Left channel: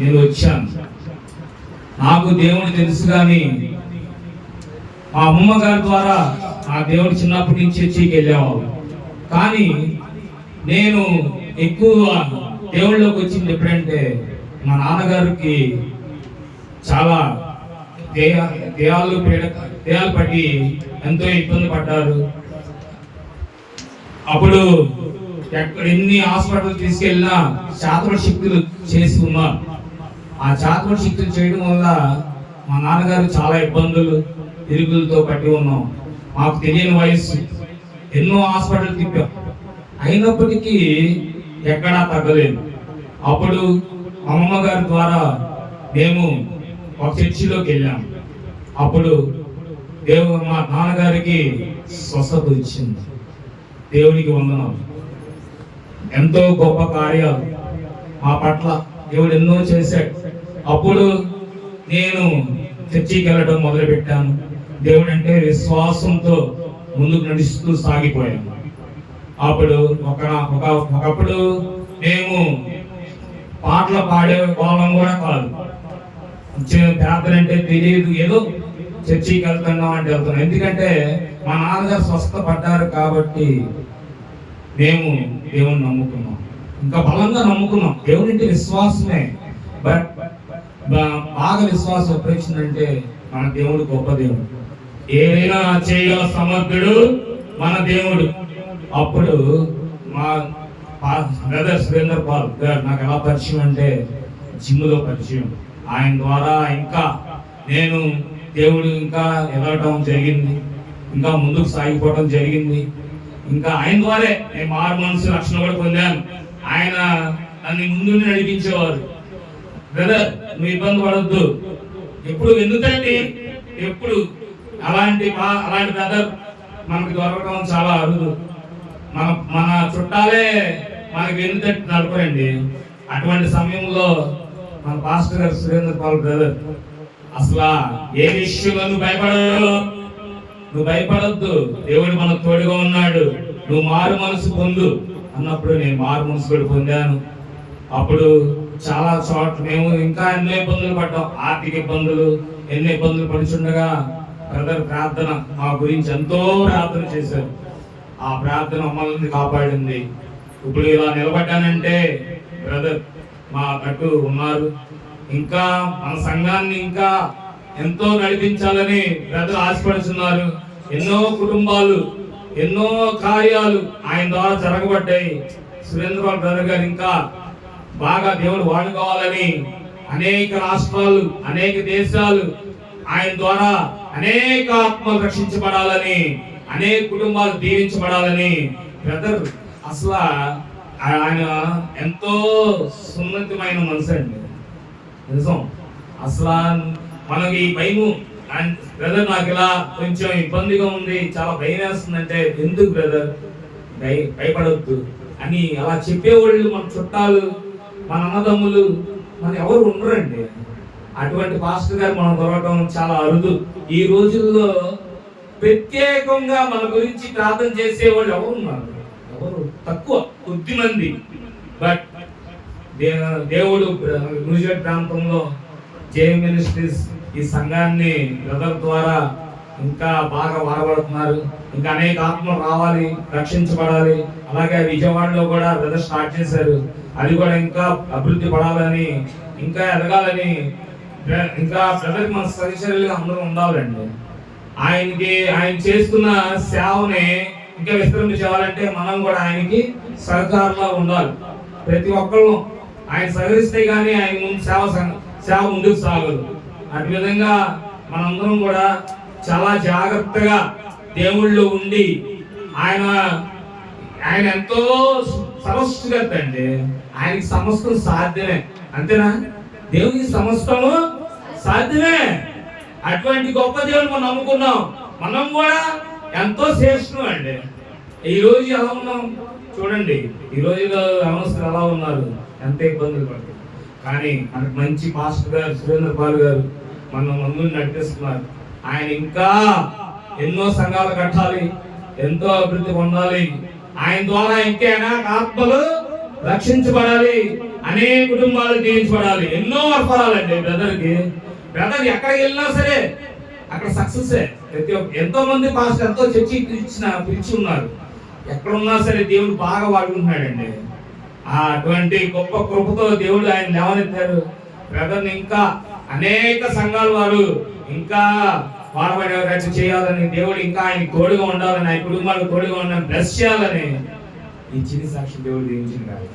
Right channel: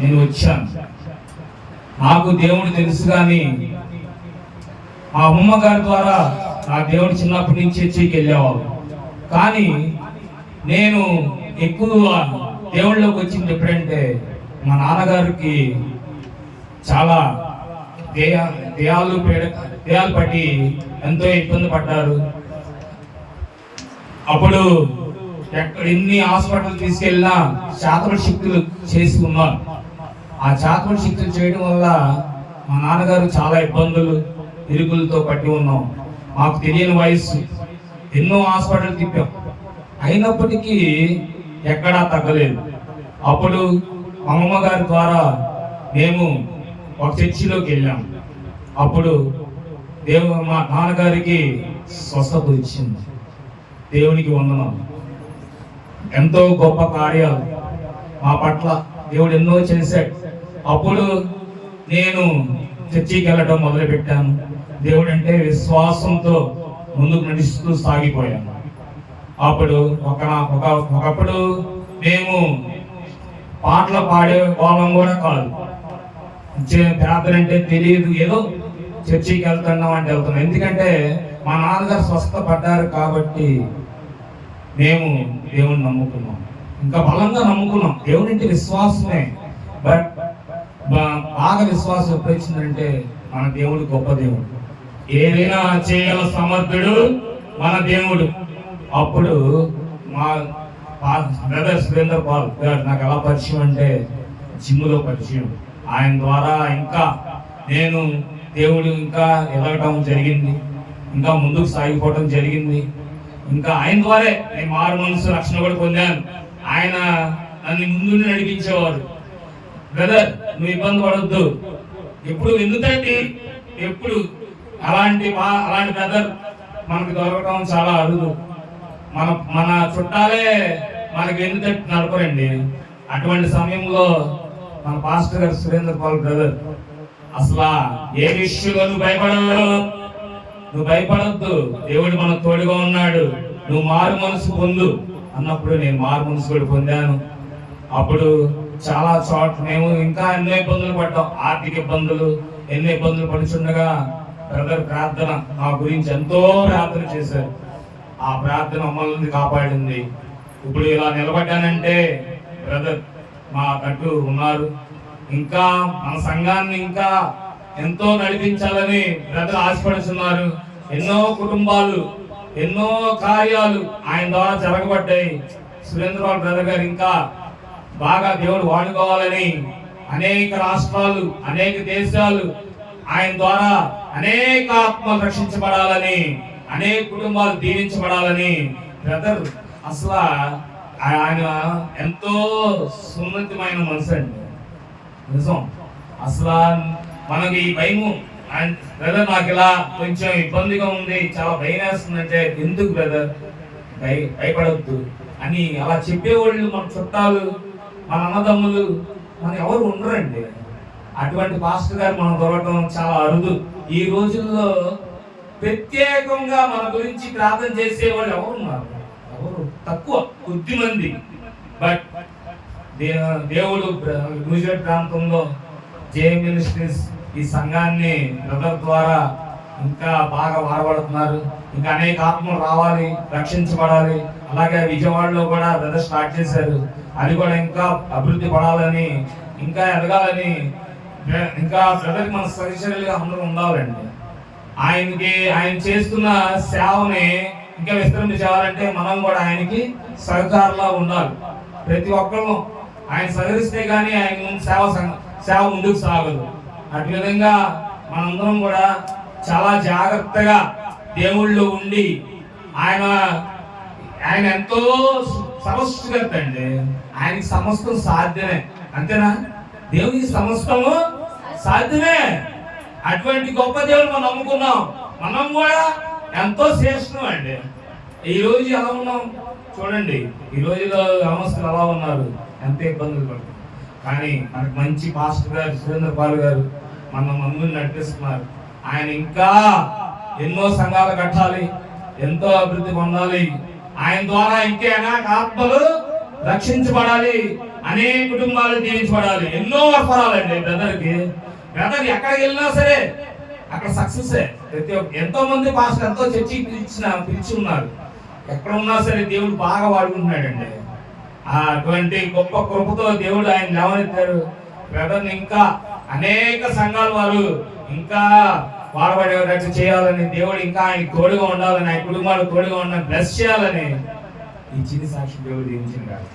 నేను వచ్చాను. నాకు దేవుడు తెలుసు, కానీ మా అమ్మమ్మ గారి ద్వారా నా దేవుడు చిన్నప్పటి నుంచి చర్చికి వెళ్ళేవాళ్ళు. కానీ నేను ఎక్కువ దేవుళ్ళలోకి వచ్చింది ఎప్పుడంటే మా నాన్నగారికి చాలా దేయాలు పట్టి ఎంతో ఇబ్బంది పడ్డారు. అప్పుడు ఎన్ని హాస్పిటల్ తీసుకెళ్ళినా చాతపడి శక్తులు చేసి ఉన్నారు. ఆ చాతపడి శక్తులు చేయడం వల్ల మా నాన్నగారు చాలా ఇబ్బందులు ఇరుకులతో పట్టి ఉన్నాం. మాకు తెలియని వయసు, ఎన్నో హాస్పిటల్ తిప్పాం, అయినప్పటికీ ఎక్కడా తగ్గలేదు. అప్పుడు అమ్మమ్మ గారి ద్వారా మేము ఒక చర్చిలోకి వెళ్ళాం. అప్పుడు మా నాన్నగారికి స్వస్థత వచ్చింది. దేవునికి వందనాలు. ఎంతో గొప్ప కార్యాలు మా పట్ల దేవుడు ఎన్నో చేశాడు. అప్పుడు నేను చర్చికి వెళ్ళడం మొదలుపెట్టాను. దేవుడు అంటే విశ్వాసంతో ముందుకు నడుస్తూ సాగిపోయాను. అప్పుడు ఒకప్పుడు మేము పాటలు పాడే వాళ్ళం కూడా కాదు. ప్రార్థన అంటే తెలియదు, ఏదో చర్చికి వెళ్తున్నాం అంటే వెళ్తున్నాం. ఎందుకంటే మా నాన్నగారు స్వస్థ పడ్డారు కాబట్టి మేము దేవుని నమ్ముకున్నాం, ఇంకా బలంగా నమ్ముకున్నాం. దేవుని అంటే విశ్వాసమే. బట్ బాగా విశ్వాసం ఎప్పుడు వచ్చిందంటే మన దేవుడు గొప్ప దేవుడు, ఏదైనా చేయగల సమర్థుడు మన దేవుడు. అప్పుడు మా బ్రదర్ సురేంద్ర పాల్ గారు నాకు ఎలా పరిచయం అంటే జిమ్లో పరిచయం. ఆయన ద్వారా ఇంకా నేను దేవుడు ఇంకా ఎదగటం జరిగింది, ఇంకా ముందుకు సాగిపోవటం జరిగింది. ఇంకా ఆయన ద్వారా నేను మారు మనసు రక్షణ కూడా పొందాను. ఆయన నన్ను ముందు నడిపించేవారు. బ్రదర్, నువ్వు ఇబ్బంది పడొద్దు, ఎప్పుడు ఎందుకంటే ఎప్పుడు అలాంటి బ్రదర్ మనకు దొరకడం చాలా అరుదు. మన చుట్టాలే మనకి ఎందుకంటే నడపరండి. అటువంటి సమయంలో మన పాస్టర్ గారు సురేంద్ర పాల్ బ్రదర్, అసలు ఏ విషయంలో నువ్వు భయపడొద్దు, దేవుడు మనకు తోడుగా ఉన్నాడు, నువ్వు మారు మనసు పొందు అన్నప్పుడు నేను మారు మనసు కూడా పొందాను. అప్పుడు చాలా చోట్ల మేము ఇంకా ఎన్నో ఇబ్బందులు పడ్డాం, ఆర్థిక ఇబ్బందులు, ఎన్నో ఇబ్బందులు పడుచుండగా బ్రదర్ ప్రార్థన మా గురించి ఎంతో ప్రార్థన చేశారు. ఆ ప్రార్థన మమ్మల్ని కాపాడింది. ఇప్పుడు ఇలా నిలబడ్డానంటే బ్రదర్ మా కట్టు ఉన్నారు. ఇంకా మన సంఘాన్ని ఇంకా ఎంతో నడిపించాలని బ్రదర్ ఆశపడుతున్నారు. ఎన్నో కుటుంబాలు, ఎన్నో కార్యాలు ఆయన ద్వారా జరగబడ్డాయి. సురేంద్రబాబు బ్రదర్ గారు ఇంకా బాగా దేవుడు వాడుకోవాలని, అనేక రాష్ట్రాలు, అనేక దేశాలు ఆయన ద్వారా అనేక ఆత్మలు రక్షించబడాలని, అనేక కుటుంబాలు దీవించబడాలని బ్రదర్ అసలు ఆయన ఎంతో సున్నితమైన మనసు అండి, నిజం. అసలు మనకి భయము, బ్రదర్ నాకు ఇలా కొంచెం ఇబ్బందిగా ఉంది, చాలా భయం వేస్తుందంటే, ఎందుకు బ్రదర్ భయపడొద్దు అని అలా చెప్పేవాళ్ళు మన చుట్టాలు, మన అన్నదమ్ములు మన ఎవరు ఉండరండి. అటువంటి పాస్టర్ గారు మనం దొరకడం చాలా అరుదు. ఈ రోజుల్లో ప్రత్యేకంగా మన గురించి ప్రార్థన చేసేవాళ్ళు ఎవరున్నారు? ఎవరు తక్కువ, కొద్ది మంది. బట్ దేవుడు గుజరాత్ ప్రాంతంలో జే మినిస్ట్రీస్ ఈ సంఘాన్ని బ్రదర్ ద్వారా ఇంకా బాగా వాడబడుతున్నారు. ఇంకా అనేక ఆత్మలు రావాలి, రక్షించబడాలి. అలాగే విజయవాడలో కూడా బ్రదర్ స్టార్ట్ చేశారు. అది కూడా ఇంకా అభివృద్ధి పడాలని, ఇంకా ఎదగాలని, ఇంకా బ్రదర్ మన సహచరులుగా అందరూ ఉండాలండి. ఆయన చేస్తున్న సేవని ఇంకా విస్తరించాలంటే మనం కూడా ఆయనకి సహకారంగా ఉండాలి. ప్రతి ఒక్కళ్ళు ఆయన సహకరిస్తే కానీ ఆయన ముందు సేవ ముందుకు సాగదు. అటు విధంగా మనందరం కూడా చాలా జాగ్రత్తగా దేవుళ్ళు ఉండి, ఆయన ఎంతో సమస్తకర్త అండి. ఆయనకి సమస్తం సాధ్యమే, అంతేనా? దేవునికి సమస్తము సాధ్యమే. అటువంటి గొప్ప దేవుడు మనం నమ్ముకున్నాం. మనం కూడా ఎంతో శ్రేష్టం అండి. ఈ రోజు ఎలా ఉన్నాం చూడండి, ఈ రోజులో అవస్థలు ఎలా ఉన్నారు, ఎంత ఇబ్బందులు పడుతుంది. కానీ మనకు మంచి పాస్టర్ గారు సురేంద్ర పాల్ గారు మన ముందు నడిపిస్తున్నారు. ఆయన ఇంకా ఎన్నో సంఘాలు కట్టాలి, ఎంతో అభివృద్ధి పొందాలి. ఆయన ద్వారా ఇంకేనా ఆత్మలు రక్షించబడాలి. అనేక కుటుంబాలు దీవించబడాలి. ఎన్నో అర్పణాలండి బ్రదర్కి. బ్రదర్ ఎక్కడికి వెళ్ళినా సరే అక్కడ సక్సెస్. ప్రతి ఒక్క ఎంతో మంది పాస్టర్ ఎంతో చర్చి పిలిచి ఉన్నారు. ఎక్కడ ఉన్నా సరే దేవుడు బాగా వాడుకుంటున్నాడండి. అటువంటి గొప్ప కృపతో దేవుడు ఆయన లేవనెత్తారు. బ్రదర్ని ఇంకా అనేక సంఘాల వారు ఇంకా వాడబడేటట్టు చేయాలని, దేవుడు ఇంకా ఆయన తోడుగా ఉండాలని, ఆయన కుటుంబాలకు తోడుగా ఉండాలని, బ్లెస్ చేయాలని ఈ చిన్న సాక్షి దేవుడు దీవించింది కాదు.